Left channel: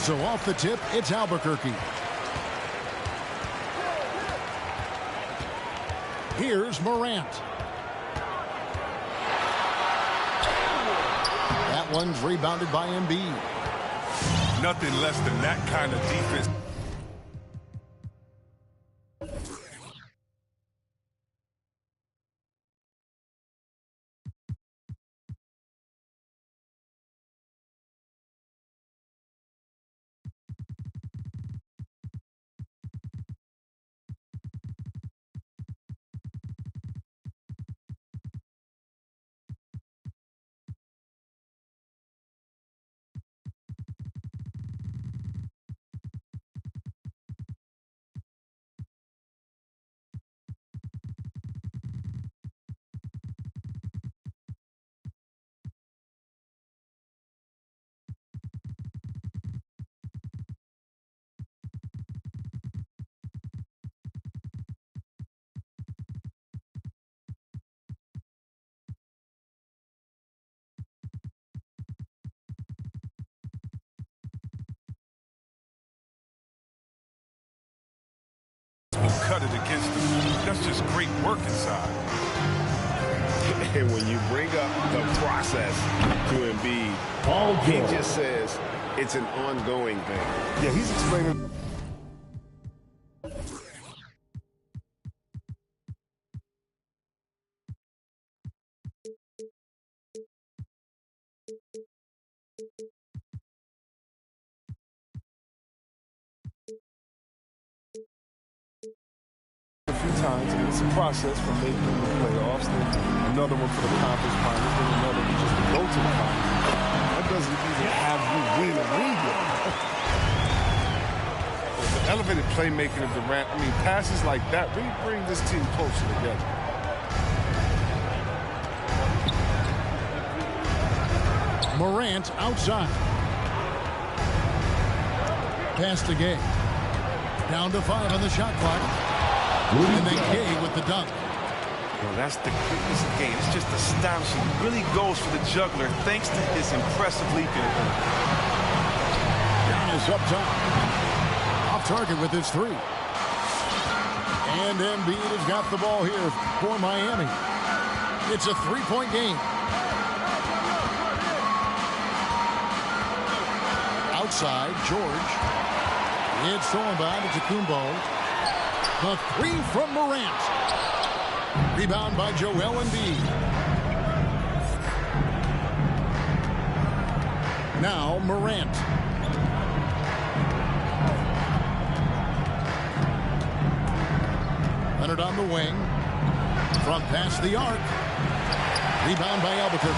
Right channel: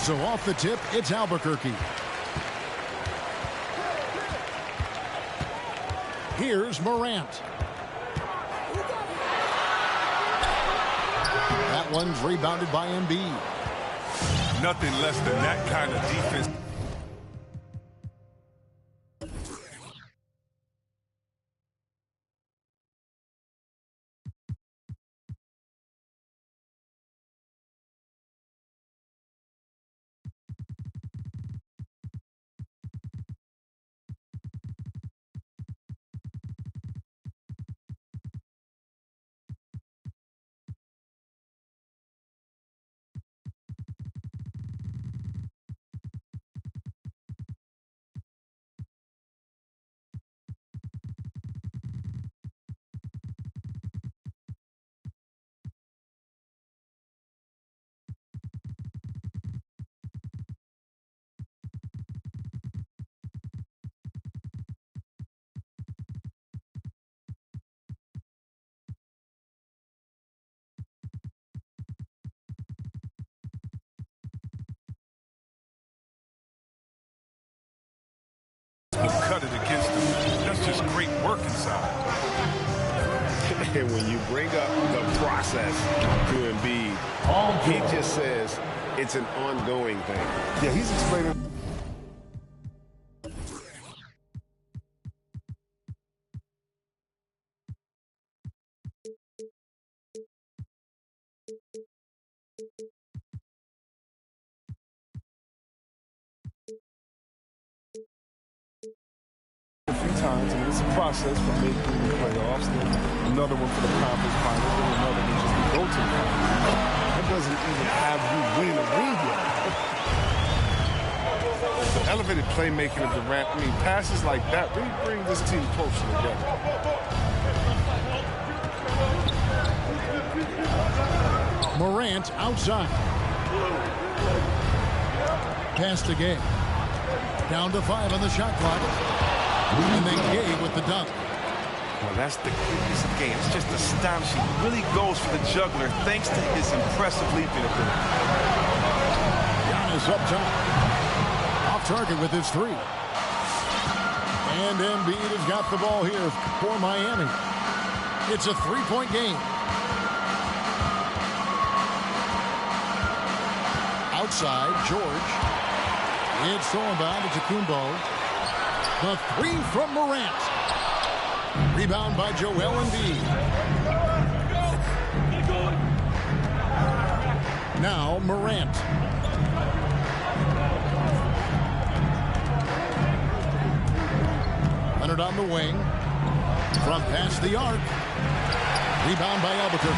so off the tip, it's Albuquerque. Here's Morant. That one's rebounded by Embiid. Nothing less than that kind of defense. Will cut it against them. That's just great work inside. And when you bring up the process to Embiid, he just says it's an ongoing thing. Yeah, he's explaining. A few times, and it's a process from making the playoffs, then another one for the conference finals, then another one just to go to the finals. That doesn't even have you win a ring yet. The elevated playmaking of Durant, I mean, passes like that really bring this team closer together. Morant outside. Pass to Gay. Down to 5 on the shot clock. And then Gay with the dunk. Well, that's the quickness of game. It's just astonishing. He really goes for the juggler thanks to his impressive leaping ability. Giannis up top. Off target with his 3. And Embiid has got the ball here for Miami. It's a 3-point game. Outside, George. It's stolen by Antetokounmpo. The 3 from Morant. Rebound by Joel Embiid. Now Morant. Leonard on the wing. From past the arc. Rebound by Albuquerque.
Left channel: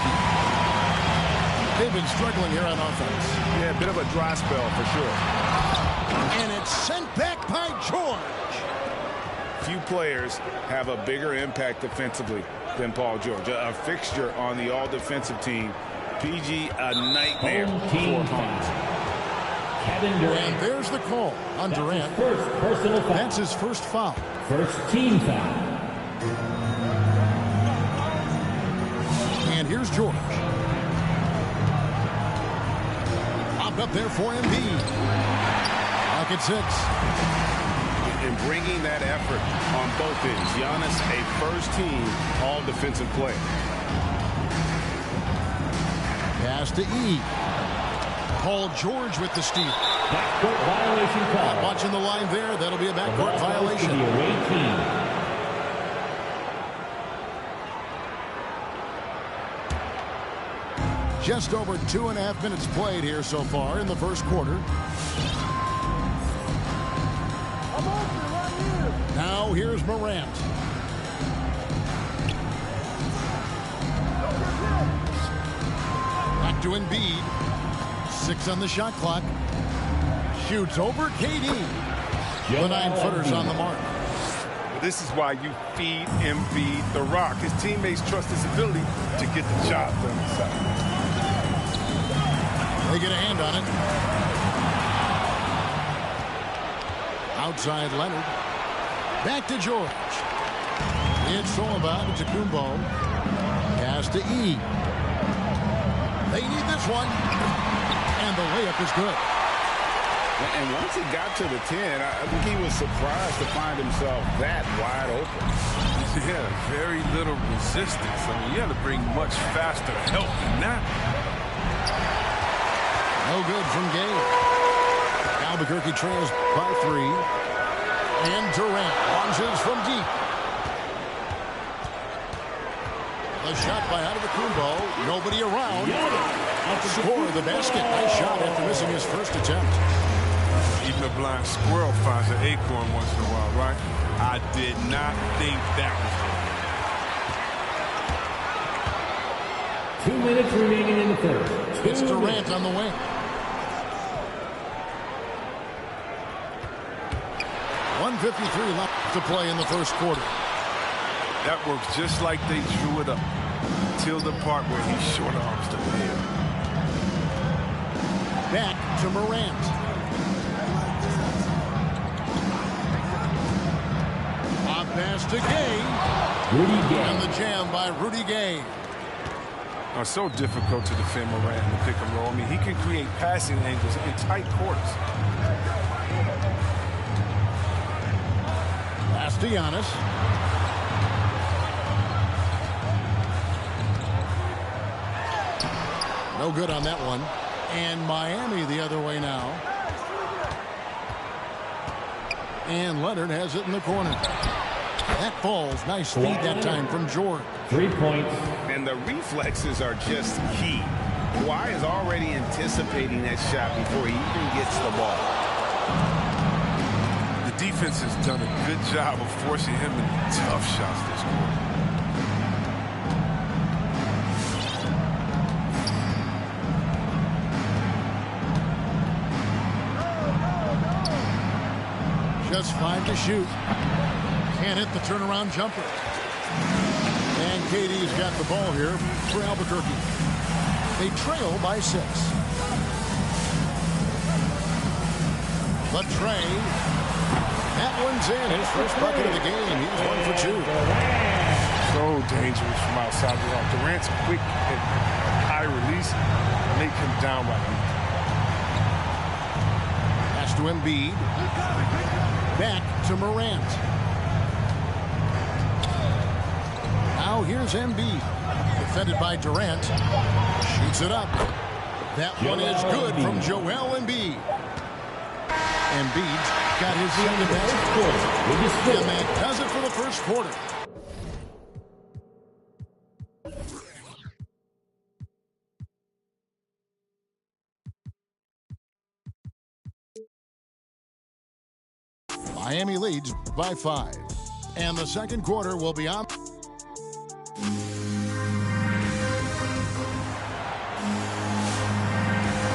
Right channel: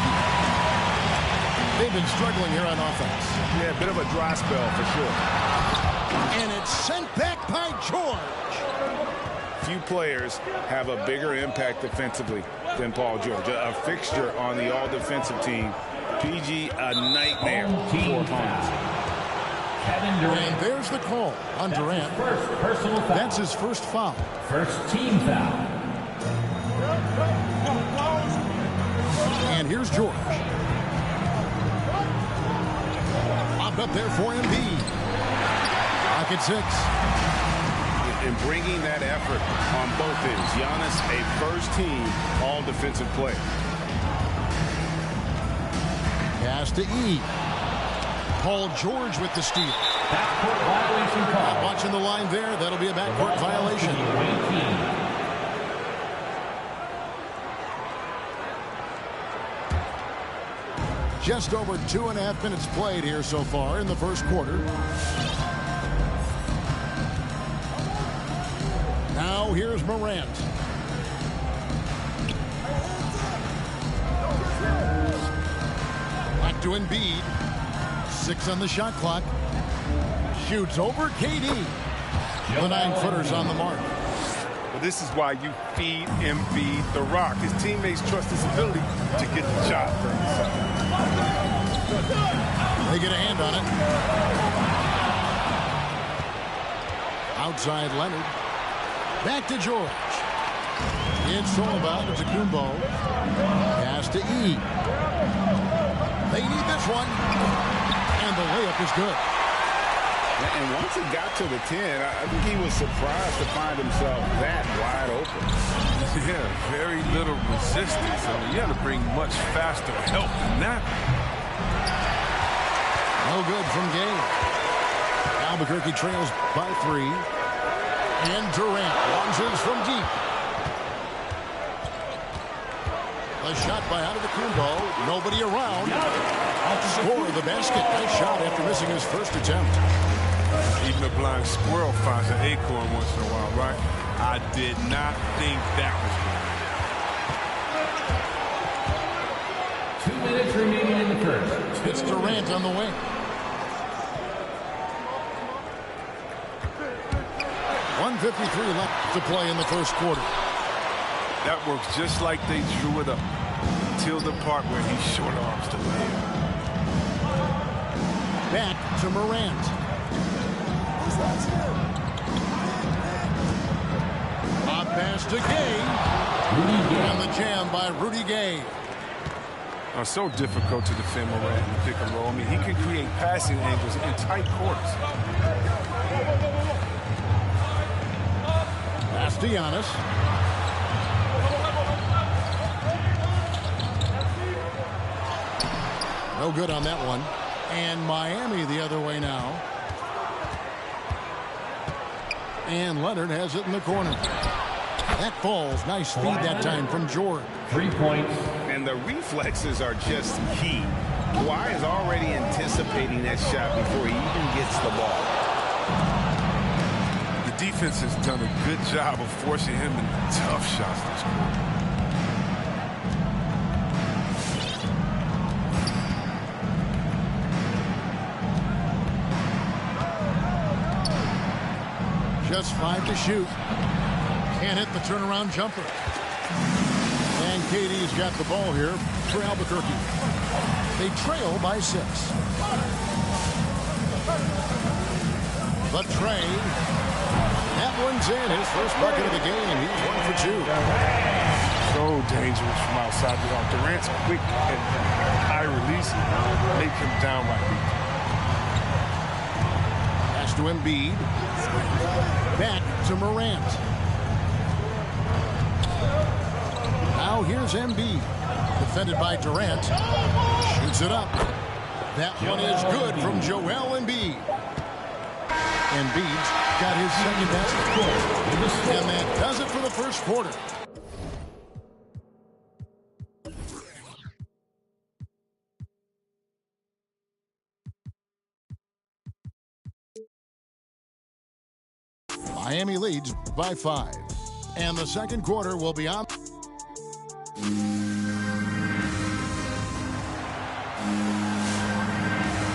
They've been struggling here on offense. Yeah, a bit of a dry spell for sure. And it's sent back by George. Few players have a bigger impact defensively than Paul George. A fixture on the all-defensive team. PG, a nightmare for opponents. Kevin Durant. And there's the call on Durant. First personal foul. That's his first foul. First team foul. And here's George. Lobbed up there for Embiid. Lock at 6. And bringing that effort on both ends. Giannis, a first-team all-defensive player. Pass to E. Paul George with the steal. Backcourt violation call. Watching the line there. That'll be a backcourt violation. The away team. Just over 2.5 minutes played here so far in the first quarter. Now here's Morant. Back to Embiid. 6 on the shot clock. Shoots over KD. The 9-footer's on the mark. Well, this is why you feed Embiid the rock. His teammates trust his ability to get the job done inside. They get a hand on it. Outside Leonard. Back to George. It's Solomon to Antetokounmpo. Pass to E. They need this one. And the layup is good. And once he got to the 10, I think he was surprised to find himself that wide open. Yeah, very little resistance. I mean, you had to bring much faster help than that. No good from Gay. Albuquerque trails by 3. And Durant launches from deep. A shot by Antetokounmpo. Nobody around. Score the basket. Nice shot after missing his first attempt. Even a blind squirrel finds an acorn once in a while, right? I did not think that was going to 2 minutes remaining in the first. It's Durant on the wing. .153 left to play in the first quarter. That works just like they drew it up until the part where he short arms the layup. Back to Morant. A pass to Gay. Rudy Gay. And the jam by Rudy Gay. So difficult to defend Morant in the pick and roll. I mean, he can create passing angles in tight quarters. Pass to Giannis. No good on that one. And Miami the other way now. And Leonard has it in the corner. That falls. Nice feed that time from George. 3 points. And the reflexes are just key. Kawhi is already anticipating that shot before he even gets the ball. The defense has done a good job of forcing him into tough shots this quarter. Just 5 to shoot. Can't hit the turnaround jumper. And KD's got the ball here for Albuquerque. They trail by 6. The Trey. That one's in. His first bucket of the game. He's 1 for 2. So dangerous from outside the arc. Durant's quick and high release. Make him downright weak. Pass to Embiid. Back to Morant. Now here's Embiid. Defended by Durant. Shoots it up. That one is good from Joel Embiid. Embiid's got his second basket. And that does it for the first quarter. Miami leads by 5. And the second quarter will be on.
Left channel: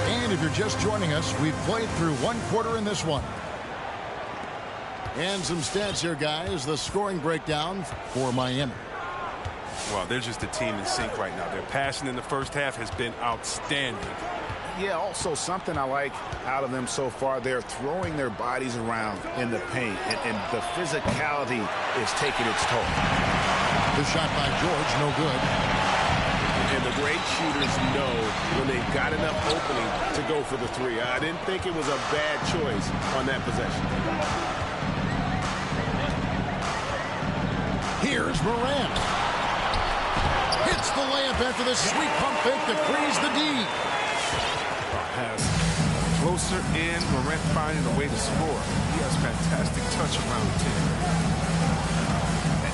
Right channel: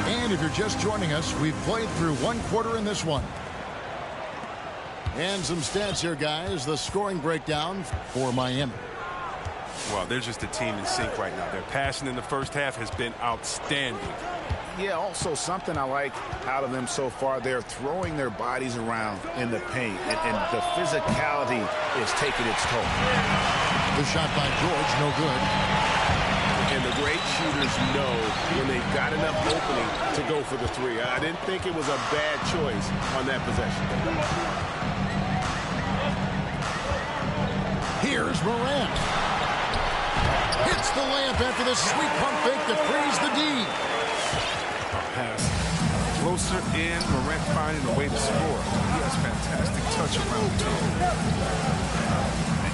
And if you're just joining us, we've played through 1 quarter in this one. And some stats here, guys. The scoring breakdown for Miami. Well, they're just a team in sync right now. Their passing in the first half has been outstanding. Yeah, also something I like out of them so far, they're throwing their bodies around in the paint, and the physicality is taking its toll. The shot by George, no good. And the great shooters know when they've got enough opening to go for the 3. I didn't think it was a bad choice on that possession. Here's Morant. Hits the layup after the sweet pump fake to freeze the D. Has closer in, Morant finding a way to score. He has fantastic touch around the team.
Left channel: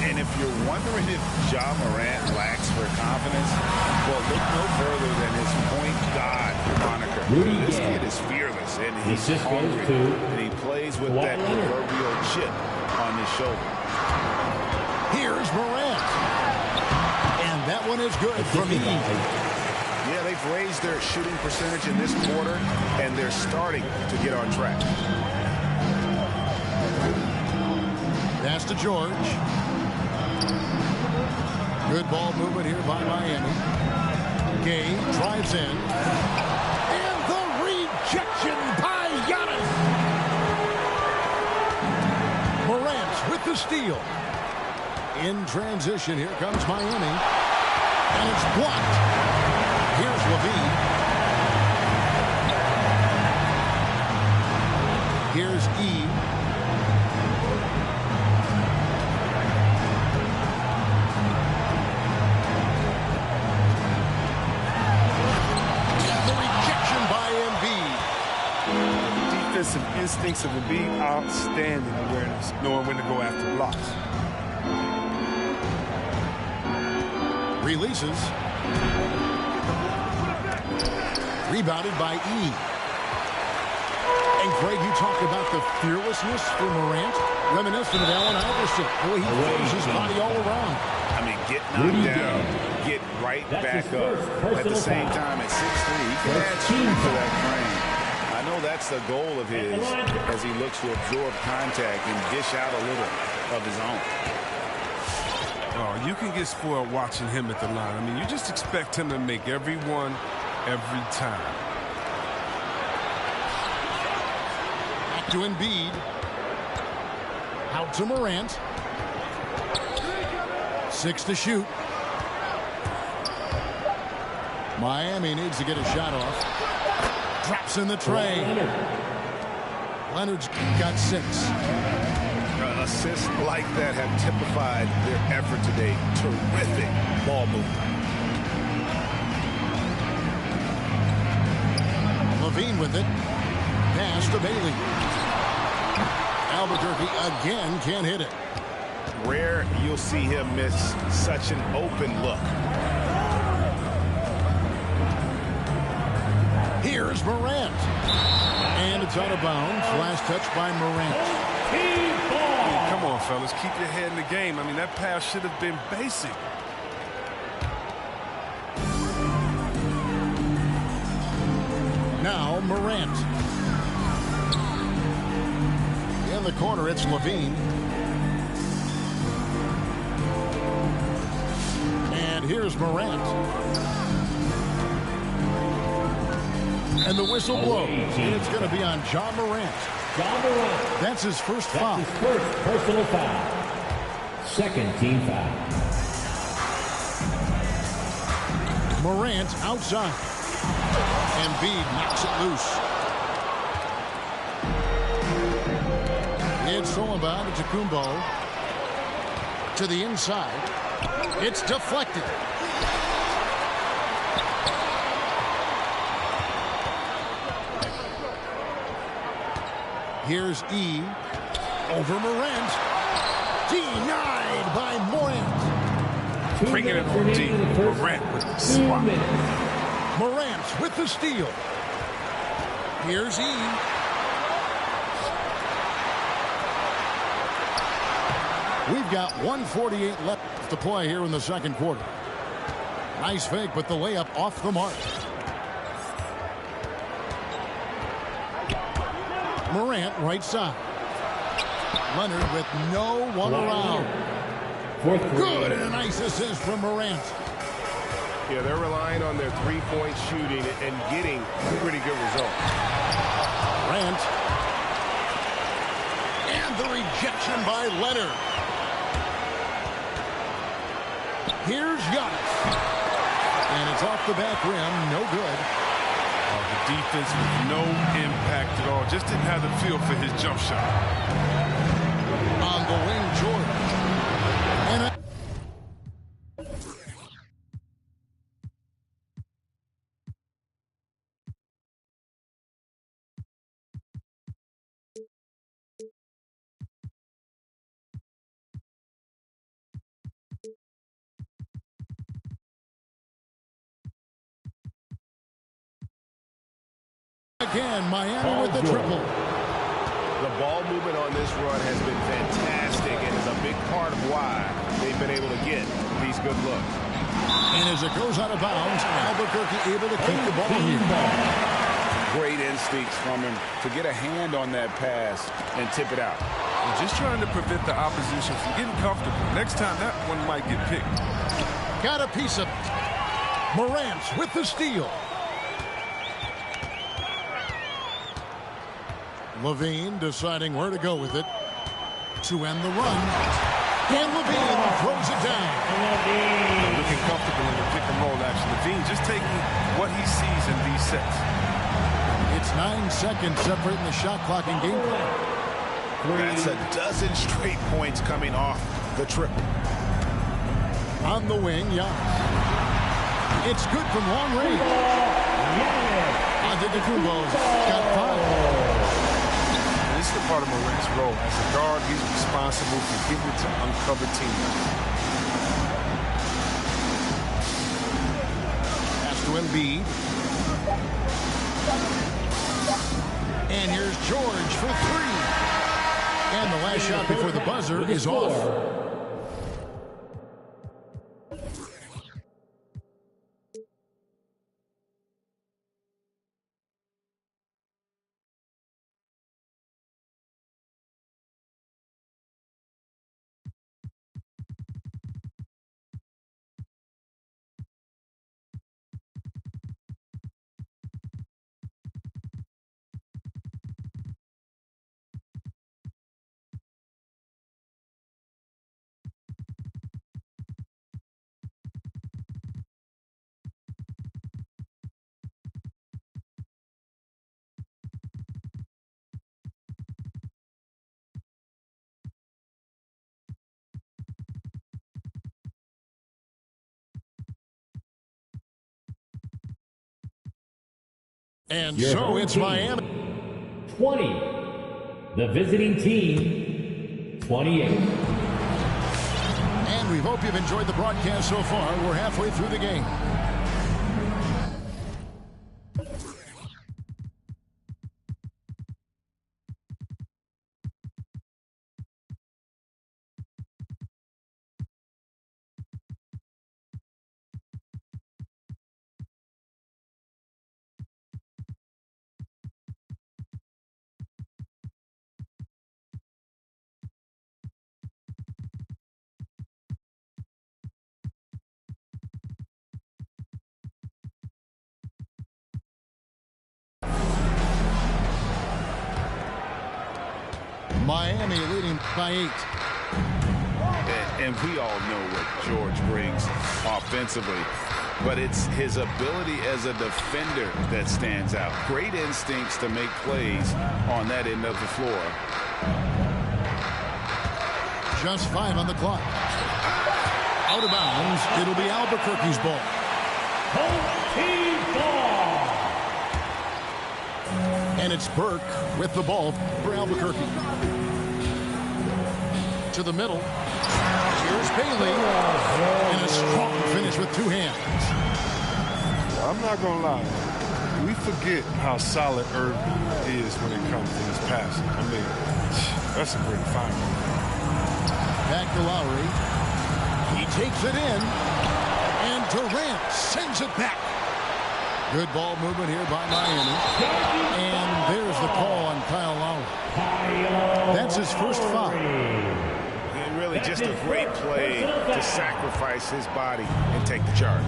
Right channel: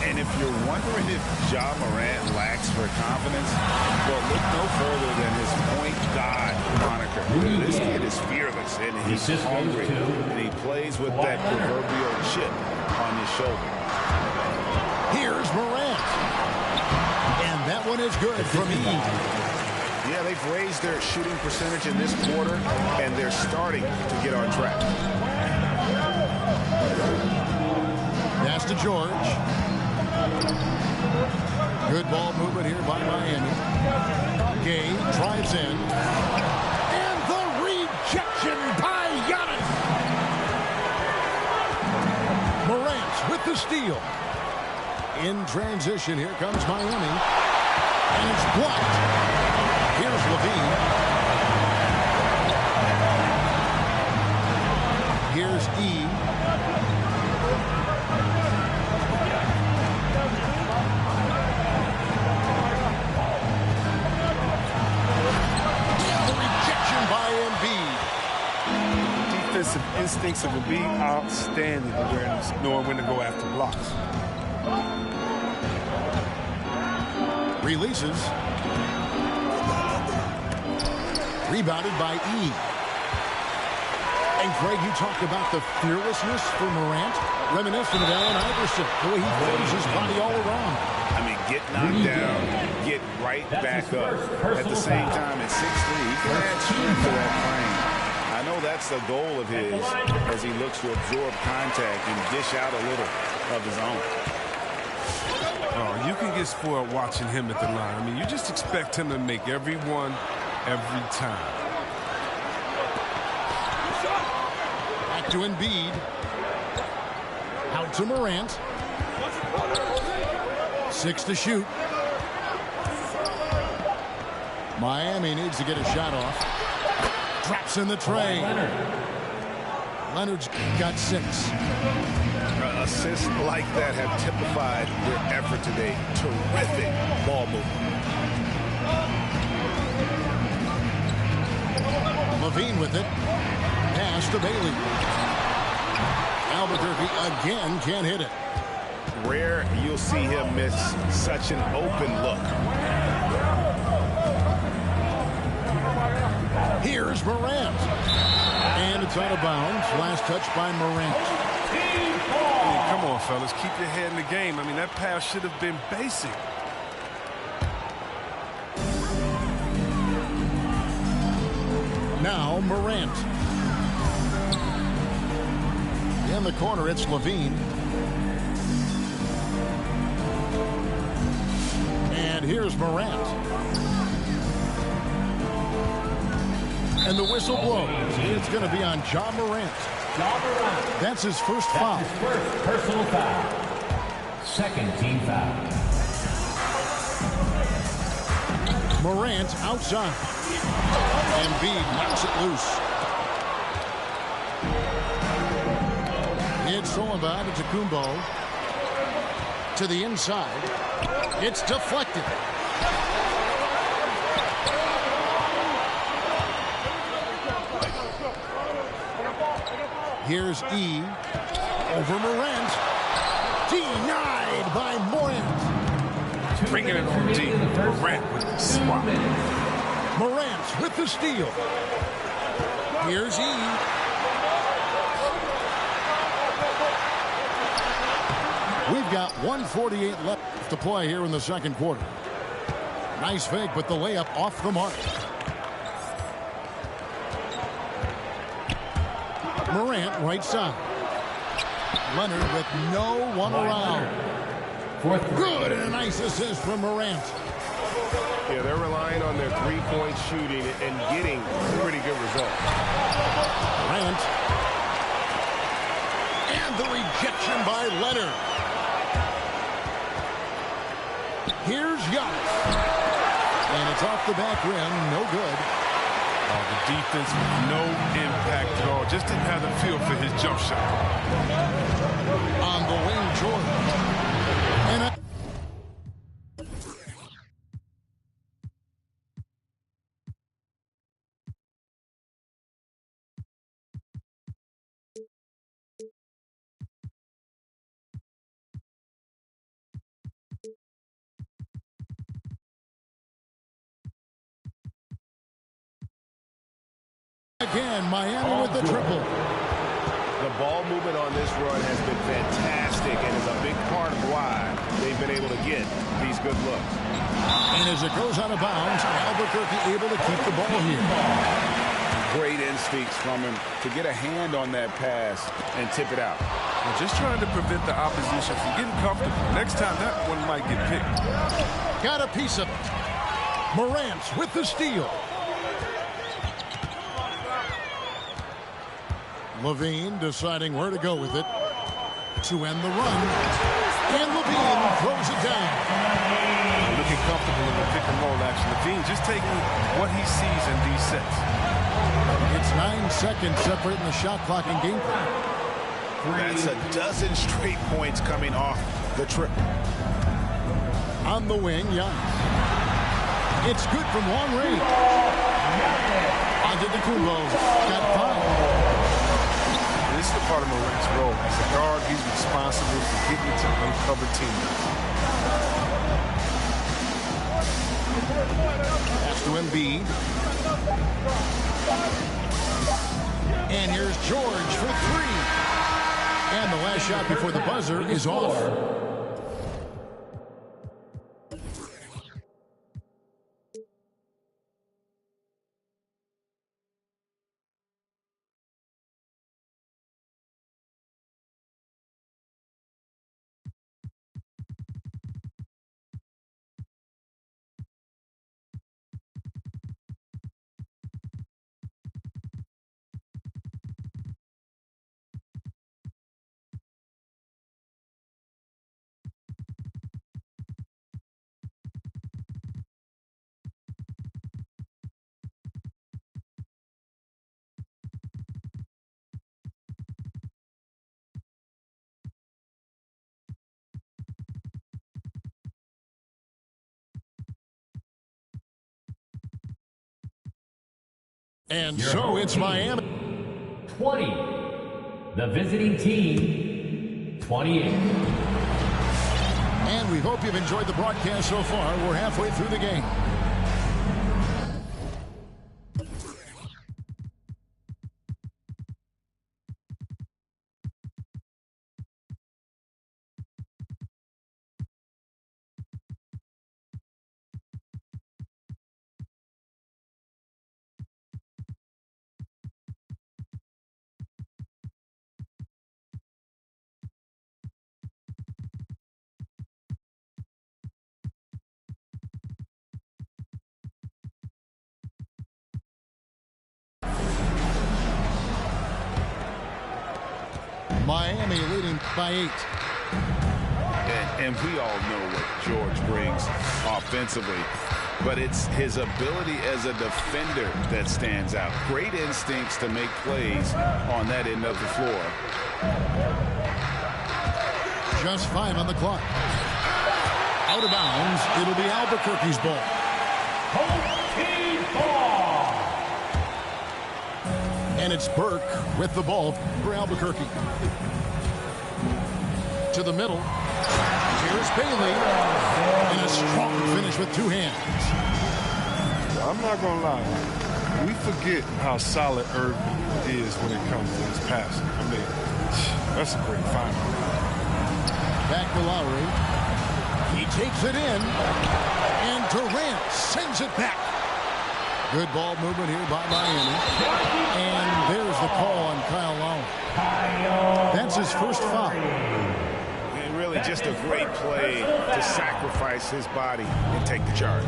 And if you're wondering if Ja Morant lacks for confidence, well, look no further than his point guard moniker. This kid is fearless, and he's hungry, and he plays with that proverbial chip on his shoulder. Here's Morant. And that one is good from Eve. Yeah, they've raised their shooting percentage in this quarter, and they're starting to get on track. Pass to George. Good ball movement here by Miami. Gay drives in. And the rejection by Giannis. Morant with the steal. In transition, here comes Miami. And it's blocked. Here's Levine. Here's E. The rejection by Embiid. The defensive instincts of Embiid, outstanding awareness, knowing when to go after blocks. Releases. Rebounded by E. And Craig, you talk about the fearlessness for Morant, reminiscent of Allen Iverson, the way he throws his body all around. I mean, get knocked down, get right back up. At the same time, at 6'3", he can add strength to that frame. I know that's the goal of his as he looks to absorb contact and dish out a little of his own. Oh, you can get spoiled watching him at the line. I mean, you just expect him to make every one, every time. Back to Embiid. Out to Morant. 6 to shoot. Miami needs to get a shot off. Drops in the tray. Leonard's got 6. Assists like that have typified their effort today. Terrific ball movement. Levine with it. Pass to Bailey. Albuquerque again can't hit it. Rare you'll see him miss such an open look. Here's Morant. And it's out of bounds. Last touch by Morant. I mean, come on, fellas. Keep your head in the game. I mean, that pass should have been basic. Now Morant. In the corner, it's Levine. And here's Morant. And the whistle blows. It's going to be on Ja Morant. Ja Morant. That's his first foul. That's his first personal foul. Second team foul. Morant outside. Embiid knocks it loose. It's Solomon to Kumbo. To the inside. It's deflected. Here's E. Over Morant. Denied by Morant. Bringing it on deep. Morant with the swap. Morant with the steal. Here's E. We've got 1:48 left to play here in the second quarter. Nice fake, but the layup off the mark. Morant right side. Leonard with no one around. Good, and a nice assist from Morant. Yeah, they're relying on their three-point shooting and getting pretty good results. Morant. And the rejection by Leonard. Here's Giannis. And it's off the back rim. No good. Oh, the defense with no impact at all. Just didn't have the feel for his jump shot. On the wing, George. And again, Miami with the triple. The ball movement on this run has been fantastic and is a big part of why they've been able to get these good looks. And as it goes out of bounds, Albuquerque able to keep the ball here. Great instincts from him to get a hand on that pass and tip it out. We're just trying to prevent the opposition from getting comfortable. Next time, that one might get picked. Got a piece of it. Morant with the steal. Levine deciding where to go with it to end the run. And Levine throws it down. Looking comfortable in the pick and roll action. Levine just taking what he sees in these sets. It's 9 seconds separating the shot clock and game clock. That's a dozen straight points coming off the triple. On the wing, Giannis. It's good from long range. Antetokounmpo's got 5. And this is the part of Morant's role. As a guard, he's responsible for getting it to uncover teammates. Pass to Embiid. And here's George for 3. And the last shot before the buzzer is off. And so it's Miami. 20. The visiting team, 28. And we hope you've enjoyed the broadcast so far. We're halfway through the game. Miami leading by 8. And we all know what George brings offensively, but it's his ability as a defender that stands out. Great instincts to make plays on that end of the floor. Just 5 on the clock. Out of bounds. It'll be Albuquerque's ball. Home team ball. And it's Burke with the ball for Albuquerque. To the middle. Here's Bailey. And a strong finish with 2 hands. I'm not going to lie. We forget how solid Irving is when it comes to his passing. I mean, that's a great find. Back to Lowry. He takes it in. And Durant sends it back. Good ball movement here by Miami. And there's the call on Kyle Lowry. That's his first foul. And really just a great play to sacrifice his body and take the charge.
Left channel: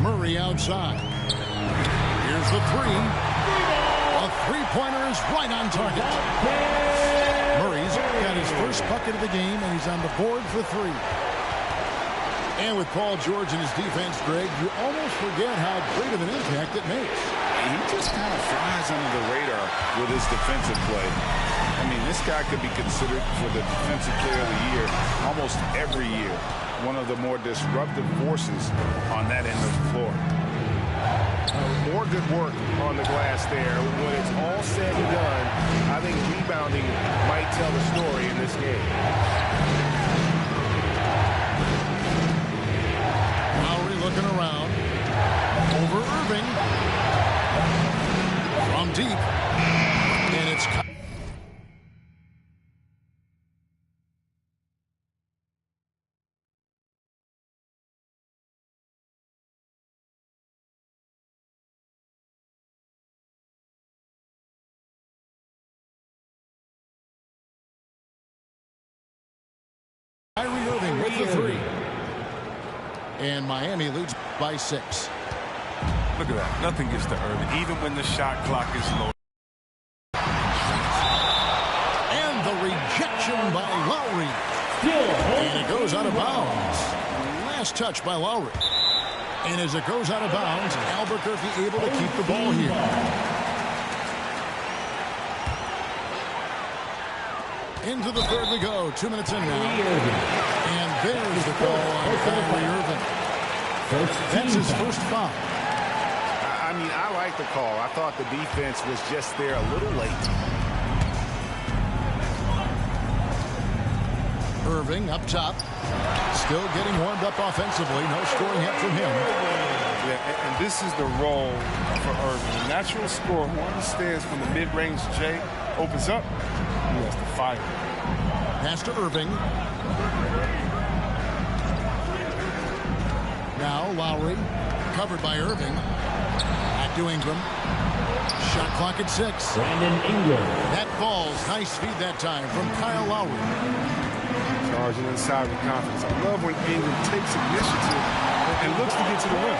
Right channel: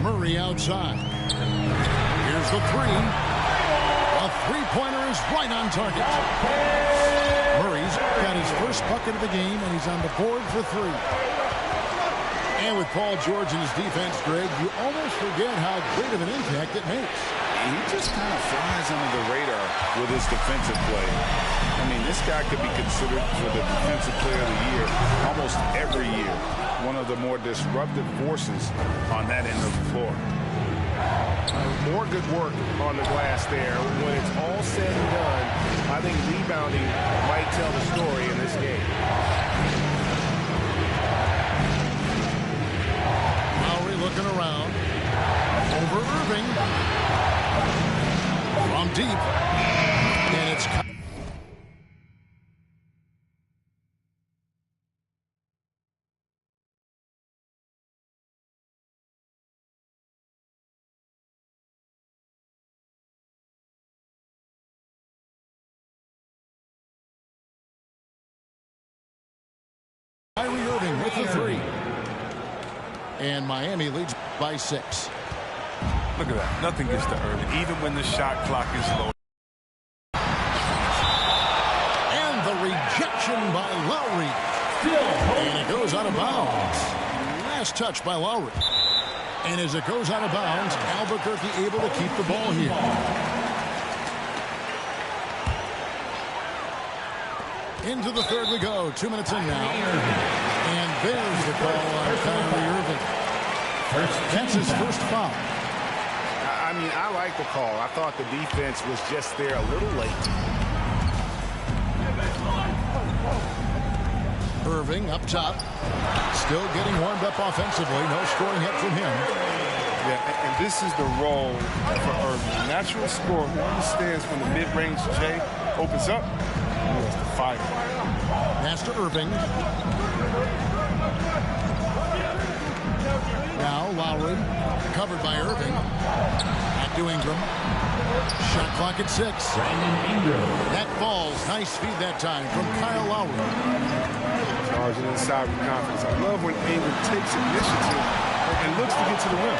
Murray outside. Here's the 3. A 3-pointer is right on target. Murray's got his first bucket of the game, and he's on the board for 3. And with Paul George in his defense, Greg, you almost forget how great of an impact it makes. He just kind of flies under the radar with his defensive play. I mean, this guy could be considered for the Defensive Player of the Year almost every year. One of the more disruptive forces on that end of the floor. More good work on the glass there. When it's all said and done, I think rebounding might tell the story in this game. Lowry looking around. Over Irving. From deep. And it's... Kyrie Irving with the 3. And Miami leads by 6. Look at that. Nothing gets to Irving, even when the shot clock is low. And the rejection by Lowry. And it goes out of bounds. Last touch by Lowry. And as it goes out of bounds, Albuquerque able to keep the ball here. Into the third we go. 2 minutes in now. And there's the call on Kyrie Irving. That's his first foul. I mean, I like the call. I thought the defense was just there a little late. Irving up top. Still getting warmed up offensively. No scoring yet from him. Yeah, and this is the role for Irving. A natural scorer who understands when the mid-range J opens up, he has to fire. Pass to Irving. Now Lowry. Covered by Irving. Back to Ingram. Shot clock at 6. Brandon Ingram. That falls. Nice feed that time from Kyle Lowry. Charging inside with confidence. I love when Ingram takes initiative and looks to get to the rim.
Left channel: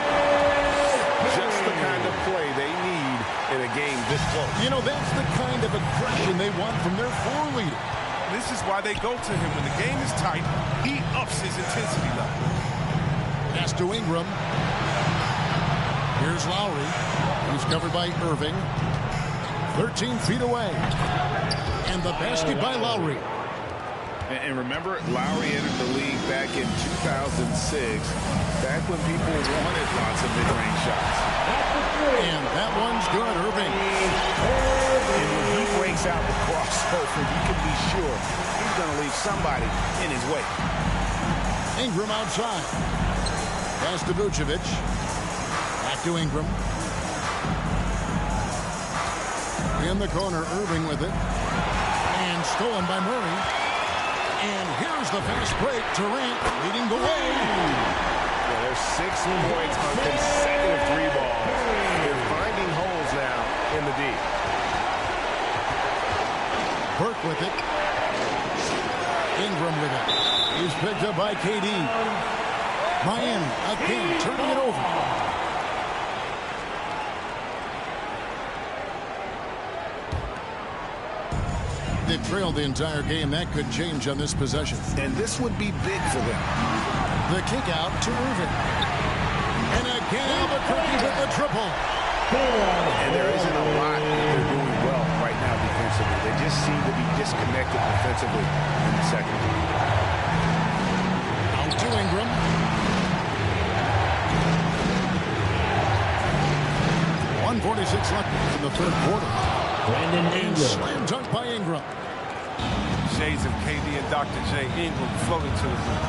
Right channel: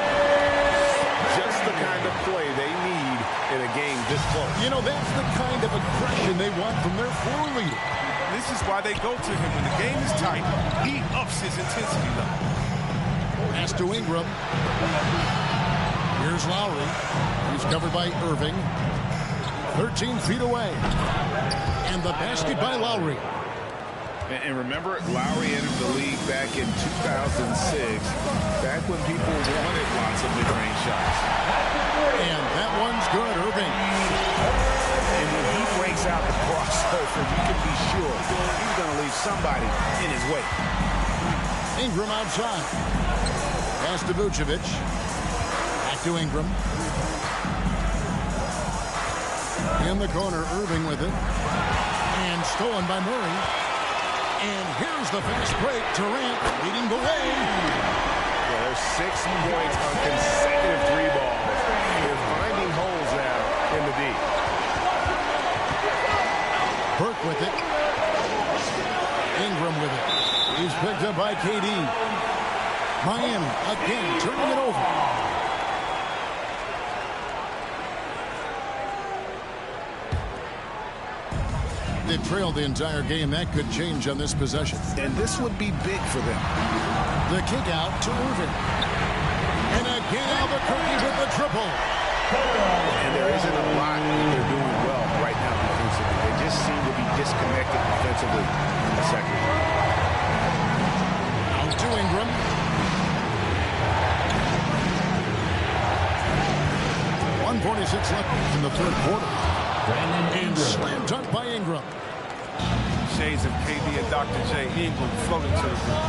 Just the kind of play they need in a game this close. You know, that's the kind of aggression they want from their floor leader. This is why they go to him. When the game is tight, he ups his intensity level. Pass to Ingram. Here's Lowry. He's covered by Irving. 13 feet away. And the basket by Lowry. And remember, Lowry entered the league back in 2006, back when people wanted lots of mid-range shots. And that one's good, Irving. And when he breaks out the crossover, you can be sure he's going to leave somebody in his way. Ingram outside. Pass to Vucevic. Back to Ingram. In the corner, Irving with it. And stolen by Murray. And here's the fast break. Durant leading the way. Yeah, there's 6 points on consecutive 3 balls. They're finding holes now in the D. Burke with it. Ingram with it. He's picked up by KD. Miami again turning it over. They've trailed the entire game. That could change on this possession. And this would be big for them. The kick out to Irving. And again, Albuquerque with the triple. And there isn't a lot that they're doing well right now defensively. They just seem to be disconnected defensively in the second. Out to Ingram. .146 left in the third quarter. Brandon Ingram. And slam dunk by Ingram. Shades of KD and Dr. J. Ingram floating to the rim.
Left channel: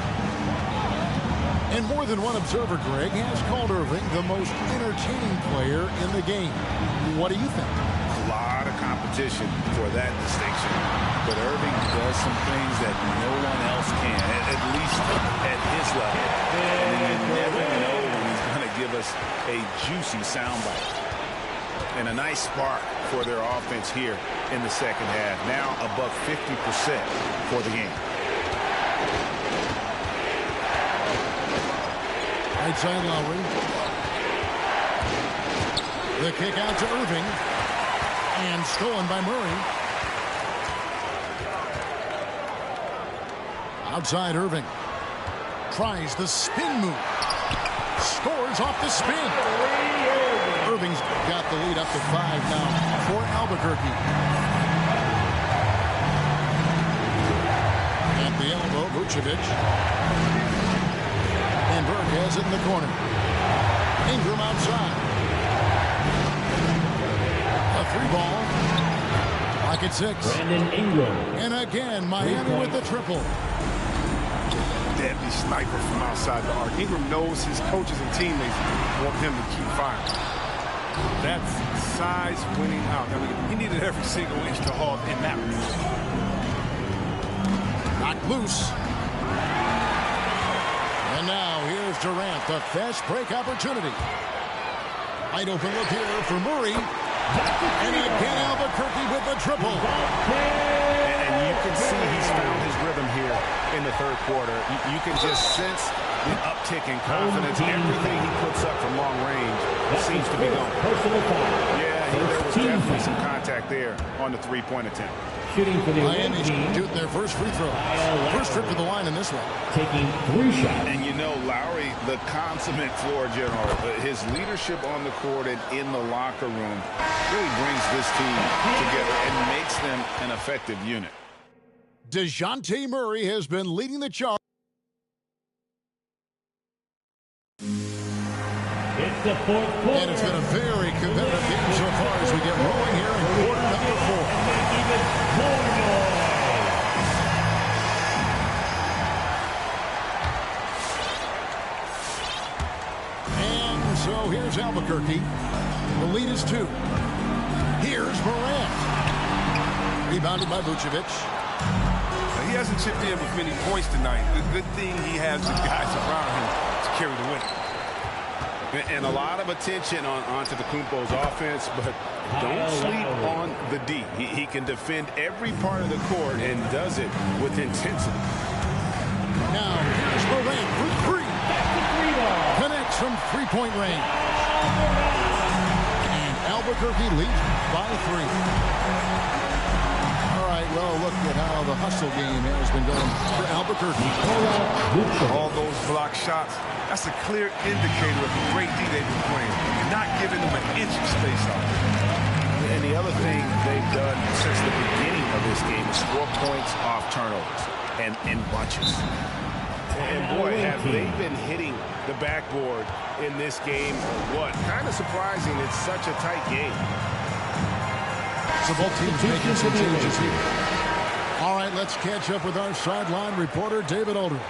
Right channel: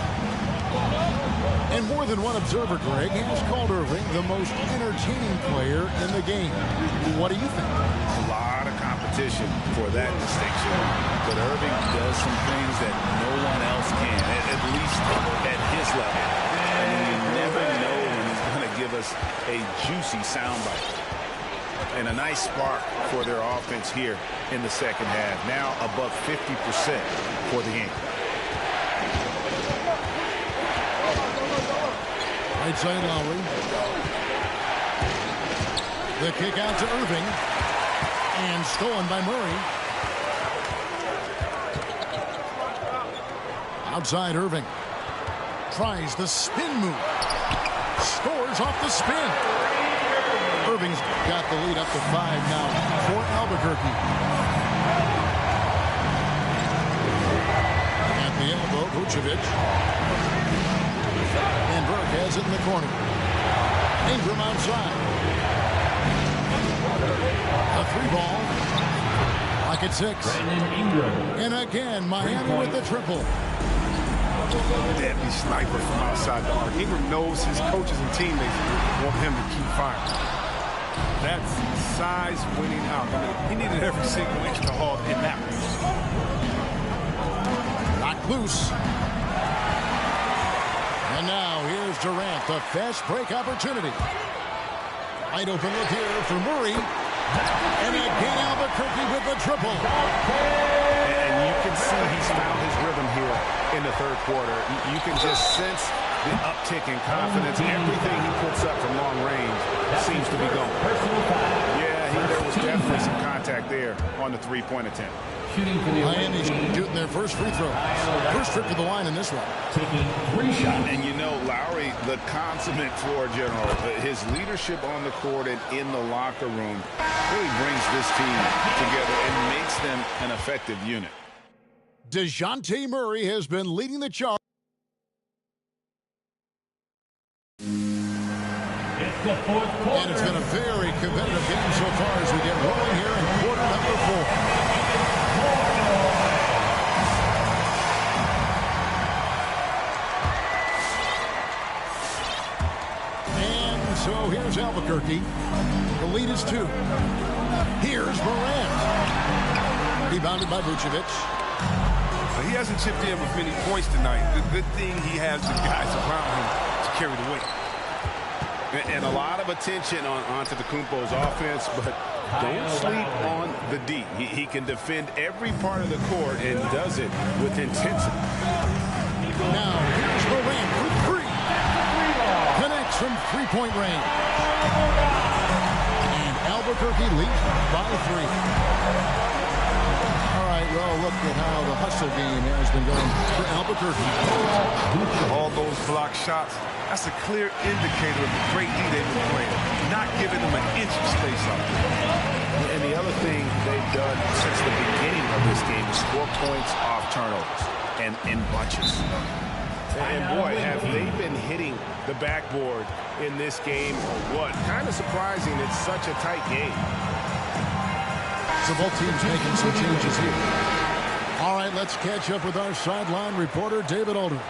And more than one observer, Greg, has called Irving the most entertaining player in the game. What do you think? A lot of competition for that distinction. But Irving does some things that no one else can, at least at his level. And you never know when he's going to give us a juicy soundbite. And a nice spark for their offense here in the second half. Now above 50% for the game. Right side Lowry. The kick out to Irving. And stolen by Murray. Outside Irving. Tries the spin move. Scores off the spin. Irving's got the lead up to 5 now for Albuquerque. At the elbow, Vucevic. And Burke has it in the corner. Ingram outside. A 3-ball. Clock at 6. Brandon Ingram. And again, Miami with the triple. Deadly sniper from outside the arc. Ingram knows his coaches and teammates want him to keep firing. That's size winning out. I mean, he needed every single inch to haul in that region. Knocked loose. And now here's Durant, the fast break opportunity. Wide open look here for Murray. And again, Albuquerque with the triple. And you can see he's found his rhythm here in the third quarter. You can just sense the uptick in confidence. Everything he puts up from long range seems to be going. Personal foul. Yeah, there was definitely some contact there on the 3-point attempt. Shooting for the Miami's team, shooting their first free throw. First trip to the line in this one. taking 3 shots. And you know, Lowry, the consummate floor general, his leadership on the court and in the locker room really brings this team together and makes them an effective unit. DeJounte Murray has been leading the charge. It's the fourth quarter. And it's been a very competitive game so far as we get rolling here in quarter number 4. And make even more noise. And so here's Albuquerque. The lead is 2. Here's Morant. Rebounded by Vucevic. He hasn't chipped in with many points tonight. The good thing he has the guys around him to carry the weight. And a lot of attention on Antetokounmpo's offense, but don't sleep on the D. He can defend every part of the court and does it with intensity. Now here's Morant for 3. Connects from three-point range. And Albuquerque leads by 3. All right, well, look at how the hustle game has been going for Albuquerque. All those block shots, that's a clear indicator of the great D they've been playing. Not giving them an inch of space out there. And the other thing they've done since the beginning of this game is score points off turnovers and in bunches. And boy, have they been hitting the backboard in this game or what? Kind of surprising it's such a tight game. So both teams making some changes here. All right, let's catch up with our sideline reporter, David Aldridge.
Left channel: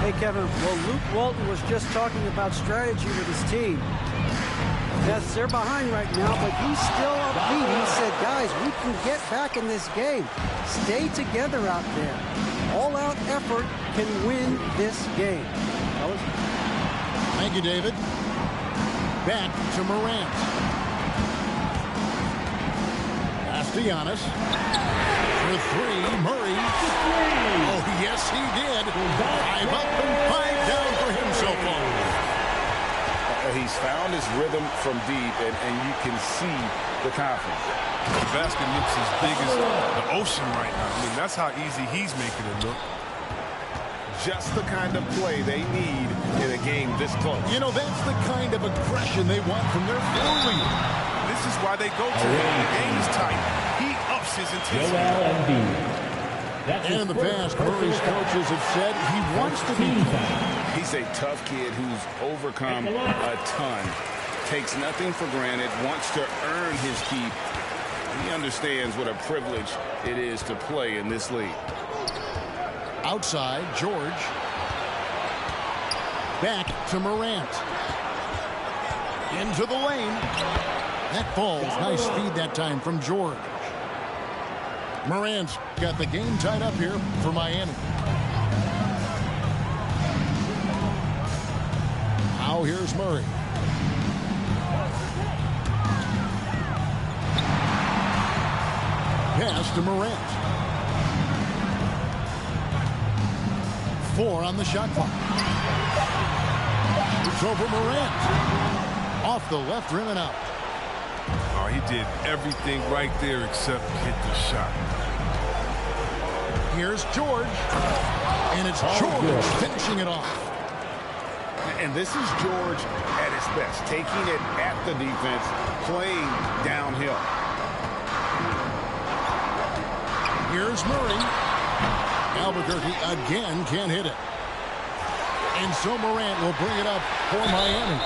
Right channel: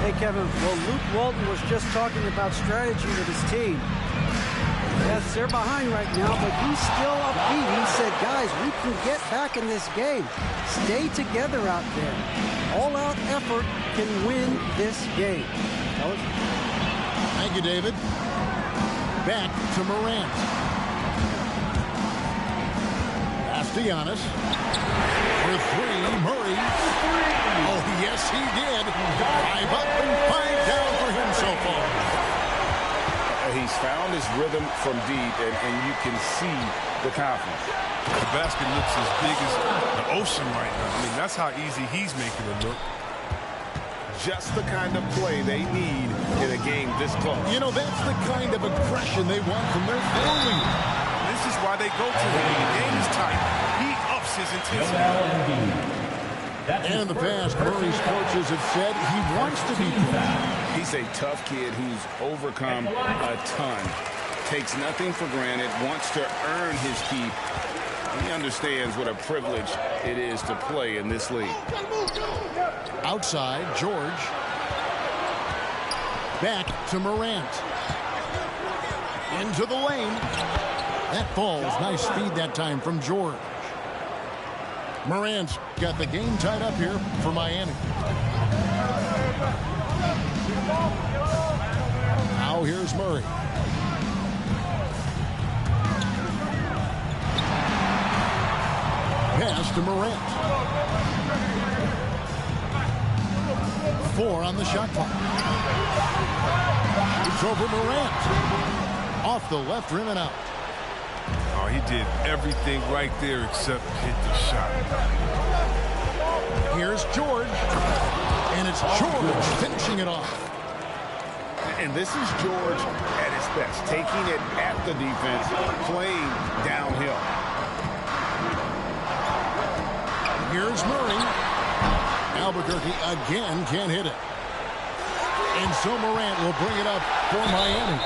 Hey, Kevin. Well, Luke Walton was just talking about strategy with his team. Yes, they're behind right now, but he's still upbeat. He said, guys, we can get back in this game. Stay together out there. All-out effort can win this game. Fellas? Thank you, David. Back to Morant. Pass to Giannis. For 3, Murray. Oh, yes, he did. 5 up and 5 down for him so far. He's found his rhythm from deep, and you can see the confidence. The basket looks as big as the ocean right now. I mean, that's how easy he's making it look. Just the kind of play they need in a game this close. You know, that's the kind of aggression they want from their floor leader. This is why they go to him. When the game is tight, he ups his intensity. And in the past, Murray's coaches have said he wants to be played. He's a tough kid who's overcome a ton, takes nothing for granted, wants to earn his keep. He understands what a privilege it is to play in this league. Outside, George. Back to Morant. Into the lane. That falls. Nice feed that time from George. Morant's got the game tied up here for Miami. Now here's Murray. Pass to Morant. 4 on the shot clock. It's over Morant. Off the left rim and out. Oh, he did everything right there except hit the shot. Here's George. And it's George finishing it off. And this is George at his best, taking it at the defense, playing downhill. Here's Murray. Albuquerque again can't hit it. And so Morant will bring it up for Miami.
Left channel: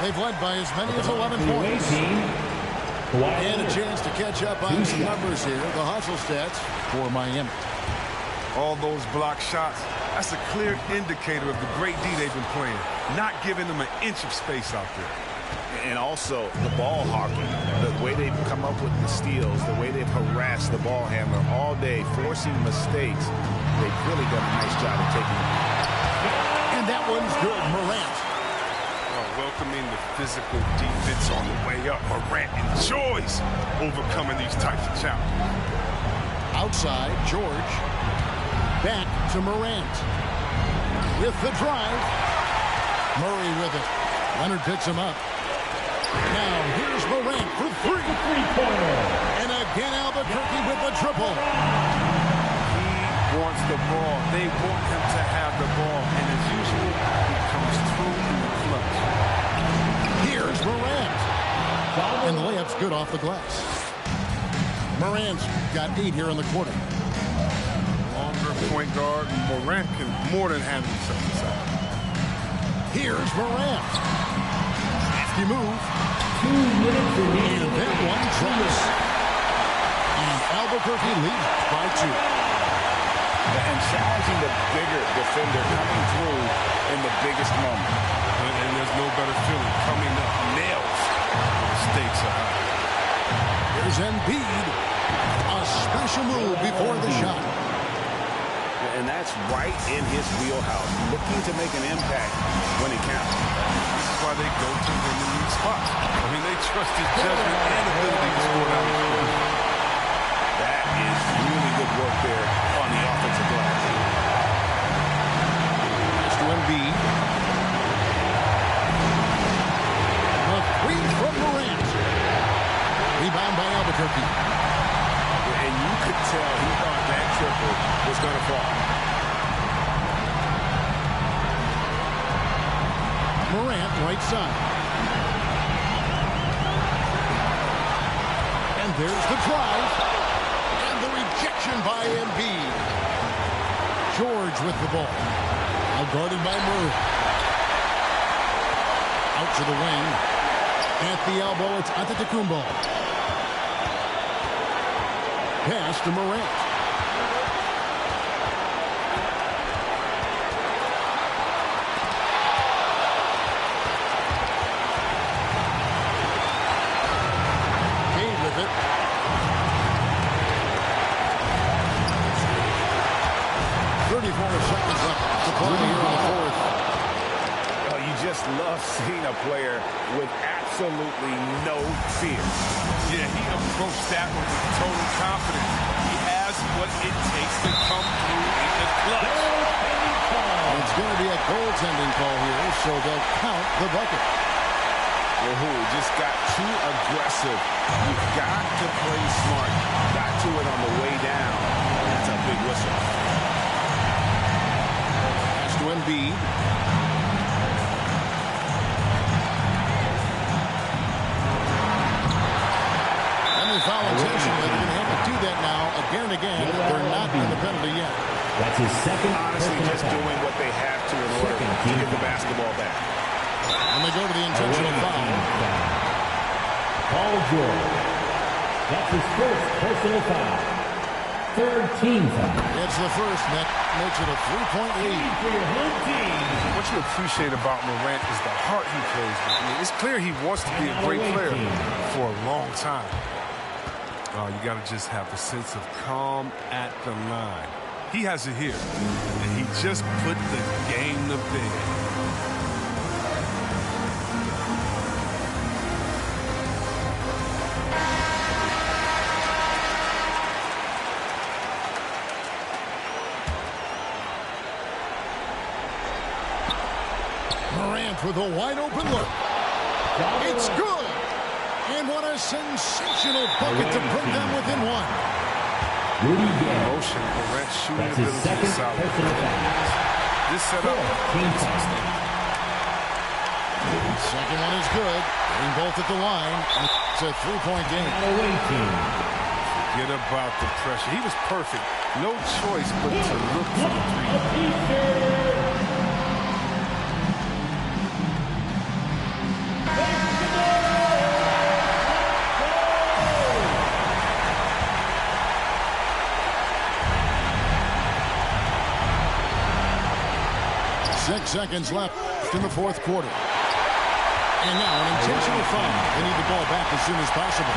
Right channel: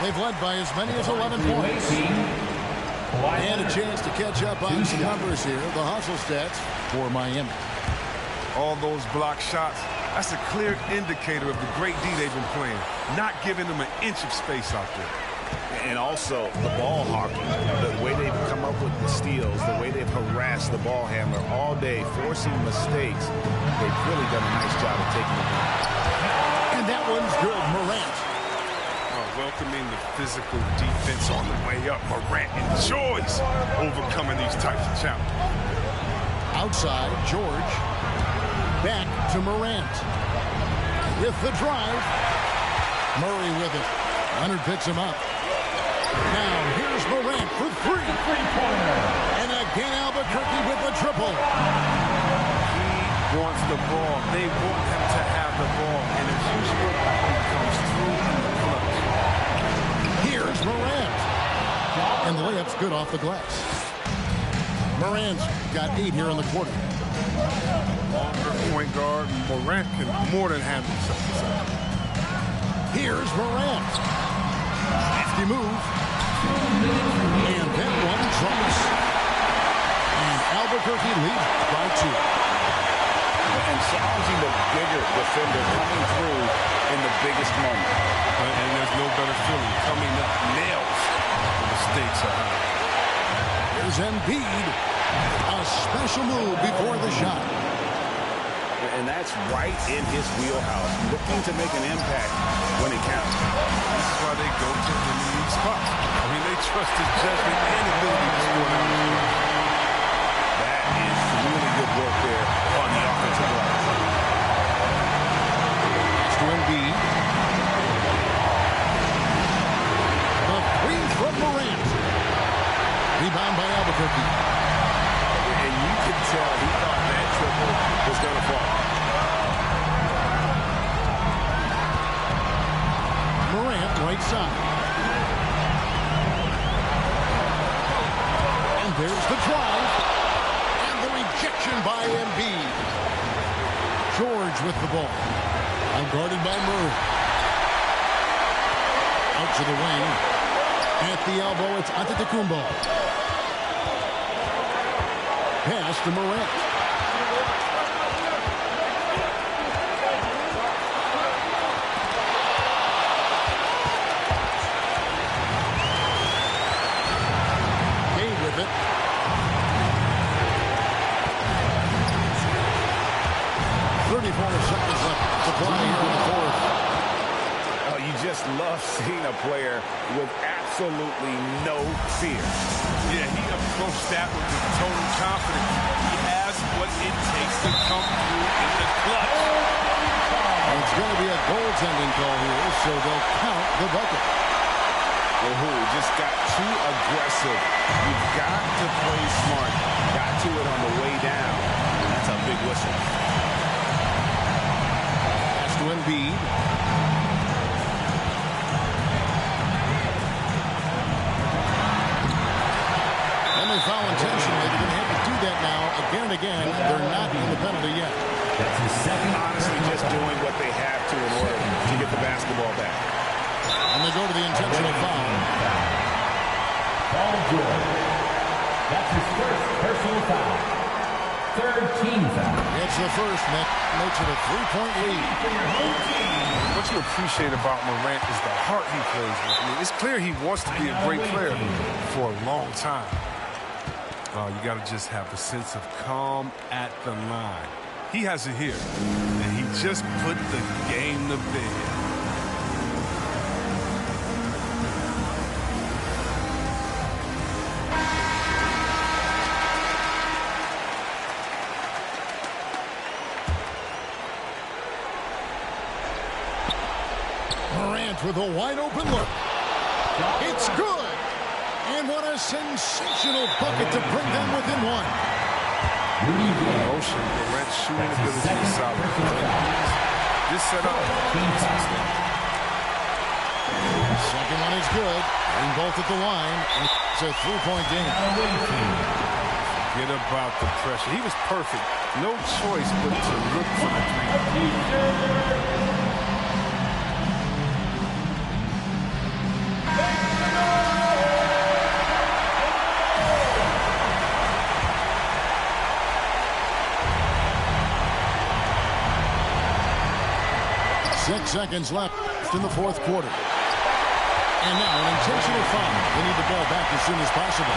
They've led by as many as 11 points. And a chance to catch up on some numbers here. The hustle stats for Miami. All those block shots, that's a clear indicator of the great D they've been playing. Not giving them an inch of space out there. And also the ball hawking, the way they've come up with the steals, the way they've harassed the ball handler all day, forcing mistakes. They've really done a nice job of taking it down. And that one's good, Morant. Welcoming the physical defense on the way up. Morant enjoys overcoming these types of challenges. Outside, George. Back to Morant. With the drive. Murray with it. Leonard picks him up. Now here's Morant for three. Three-pointer. And again Albuquerque with the triple. He wants the ball. They want him to have the ball. And as usual, he comes through in the clutch. Here's Morant. And the layup's good off the glass. Morant's got 8 here in the quarter. Longer point guard. Morant can more than handle himself inside. Here's Morant. Nifty move. 2 minutes remaining. And that one drops. And Albuquerque leads by 2. And challenging the bigger defender coming through in the biggest moment. And there's no better feeling coming up nails when the stakes are high. Here's Embiid. A special move before the shot. And that's right in his wheelhouse, looking to make an impact when it counts. This is why they go to him in these spots. I mean, they trust his judgment and ability to score down the stretch. That is really good work there on the offensive glass. Pass to Embiid. The three from Morant. Rebound by Albuquerque. And you could tell he thought that triple was going to fall. Morant, right side. And there's the drive. And the rejection by Embiid. George with the ball. Now guarded by Murray. Out to the wing. At the elbow, it's Antetokounmpo. Pass to Morant. Cade with it. Seconds left to play here in the fourth. Oh, you just love seeing a player with absolutely no fear. Yeah, he approached that one with total confidence. He has what it takes to come through in the clutch. And it's going to be a goaltending call here, so they'll count the bucket. Well, just got too aggressive. You've got to play smart. Got to it on the way down. That's a big whistle. Pass to Embiid. And they foul intentionally. They're going to have to do that now again and again. They're not in the penalty yet. That's his second. Honestly, just doing what they have to in order to get the basketball back. And they go to the intentional foul. Paul George. That's his first personal foul. Third team foul. It's the first, Nick. Makes it a 3-point lead. For your home team. What you appreciate about Morant is the heart he plays with. I mean, it's clear he wants to be a great player for a long time. You got to just have a sense of calm at the line. He has it here, and he just put the game to bed. Morant with a wide open look. It's good. And what a sensational bucket to bring them within one. Motion, Morant's shooting ability is solid. This setup is outstanding. Second one is good. Getting both at the line. And it's a 3-point game. Forget about the pressure. He was perfect. No choice but to look for the three. 6 seconds left in the fourth quarter. And now an intentional foul. They need the ball back as soon as possible.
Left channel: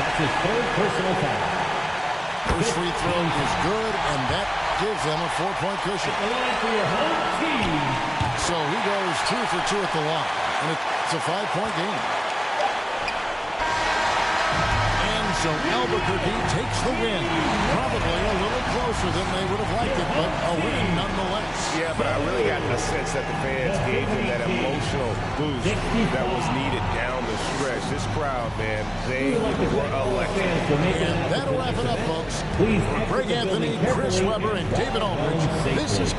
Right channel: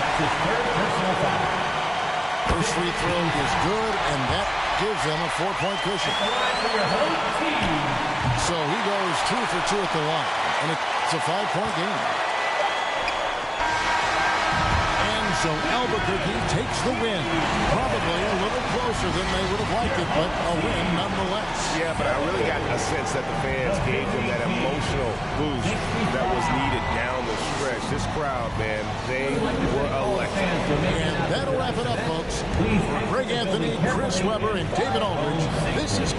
That's his third personal foul. First free throw is good, and that gives them a 4-point cushion. The line for your home team. So he goes 2 for 2 at the line, and it's a 5-point game. And So Albuquerque takes the win. Probably a little closer than they would have liked it, but a win nonetheless. Yeah, but I really got a sense that the fans gave them that emotional boost that was needed down the stretch. This crowd, man, they were electric. And that'll wrap it up, folks. For Greg Anthony, Chris Webber, and David Aldridge, this is...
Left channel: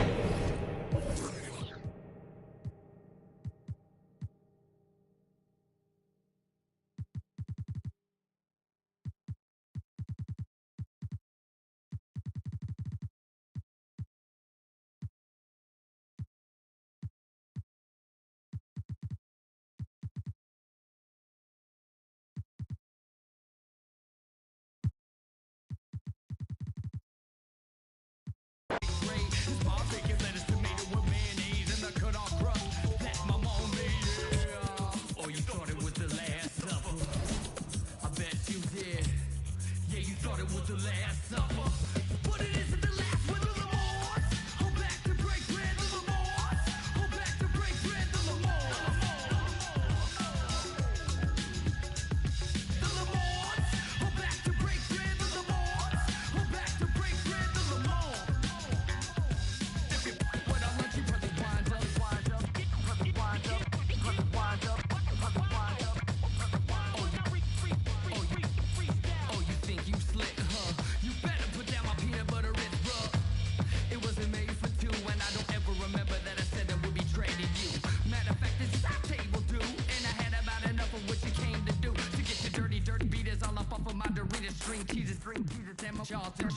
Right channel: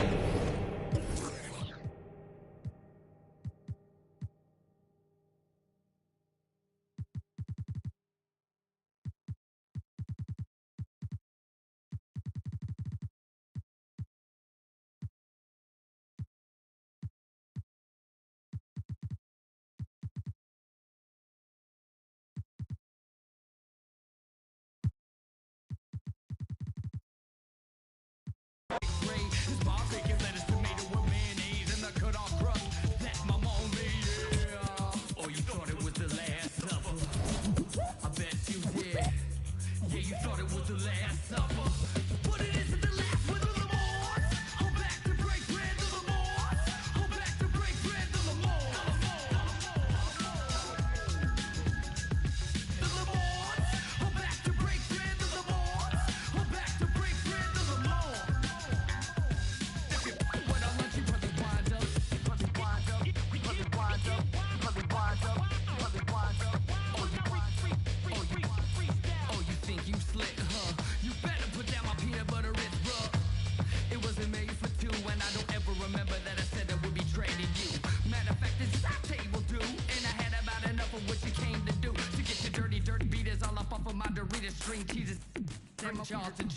Charlton